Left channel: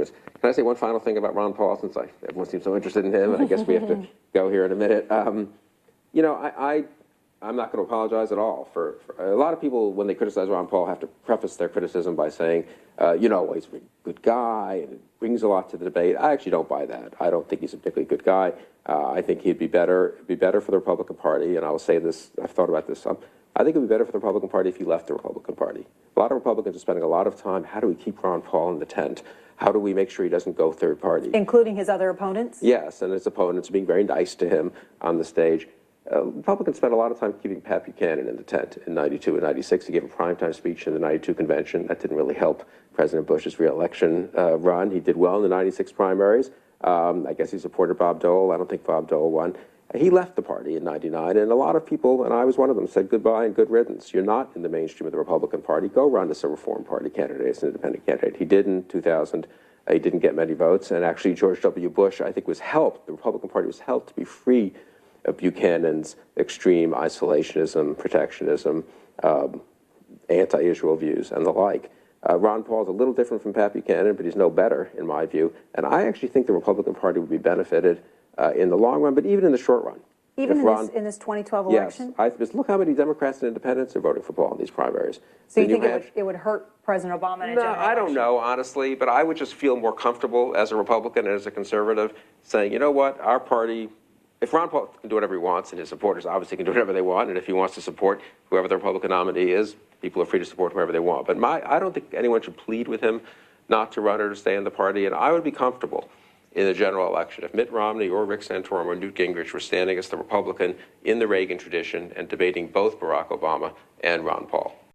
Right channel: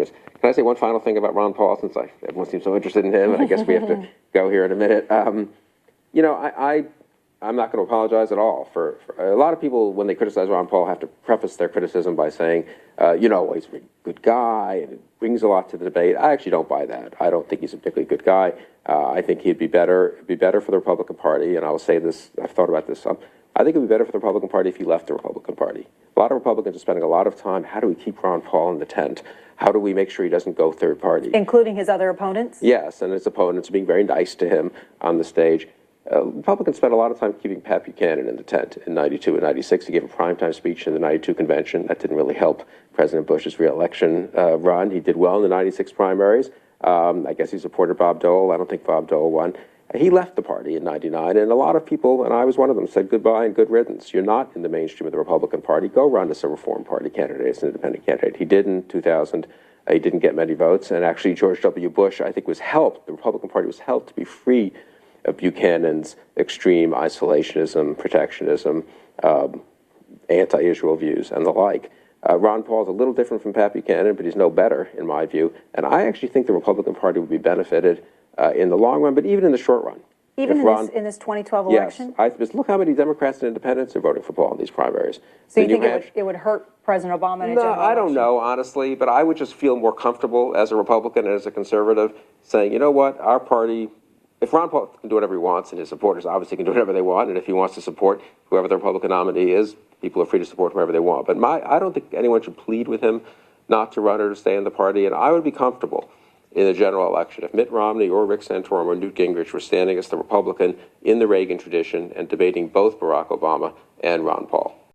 arguments. Can I say one final thing about Ron Paul, since everyone seems so interested in him, and I guess we have to go here in a minute. You know, I'm not going to apologize at all for a lot of people when they criticize Ron Paul have to preface their criticism by saying, you know, he's a good guy and it brings a lot to the debate. I actually don't buy that. I don't think he's a particularly good guy. I think he'd be better for the Republican Party, and I will say this, I've thought about this some. I think it would be better for the Republican Party if he left the Republican Party. A lot of Republicans are spending a lot of time, how do we keep Ron Paul in the tent? How do we make sure he doesn't go third party? Including his other opponents? Yes, and his opponents being very nice to him on the stage. Republicans spent a lot of time keeping Pat Buchanan in the tent in 92 and 96. He gave a primetime speech in the 92 convention. That didn't really help President Bush's reelection run. He did well in the 96 primaries. I guess he supported Bob Dole. I don't think Bob Dole won. He left the party in 99, and a lot of people, and I was one of them, said goodbye and good riddance. You're not in the mainstream of the Republican Party. Go run as a Reform Party candidate, as an independent candidate. He did in 2000. He didn't get many votes, and actually George W. Bush, I think, was helped. The Republican Party was helped to be free of Buchanan's extreme isolationism, protectionism, anti-Israel views, and the like. Ron Paul's a little different from Pat Buchanan, but he's no better, in my view. And I actually think the Republican Party would be benefited in the long run, but even in the short run. Even in this 2012 election? Yes. Look how many Democrats and independents are voting for Paul in these primaries. So you think it would hurt President Obama in a general election? I don't know, honestly, but I would just feel more comfortable as a Republican and as a conservative saying, you know what, our party, if Ron Paul can do whatever he wants, and his supporters obviously can do whatever they want, and if he wants to support whoever the Republican nominee is, people are free to support whoever they want. But I don't think anyone should plead with him not to run or to stay in the party, and I would be comfortable in the general election if Mitt Romney or Rick Santorum or Newt Gingrich were standing as the Republican in the Reagan tradition and debating both Barack Obama and Ron Paul.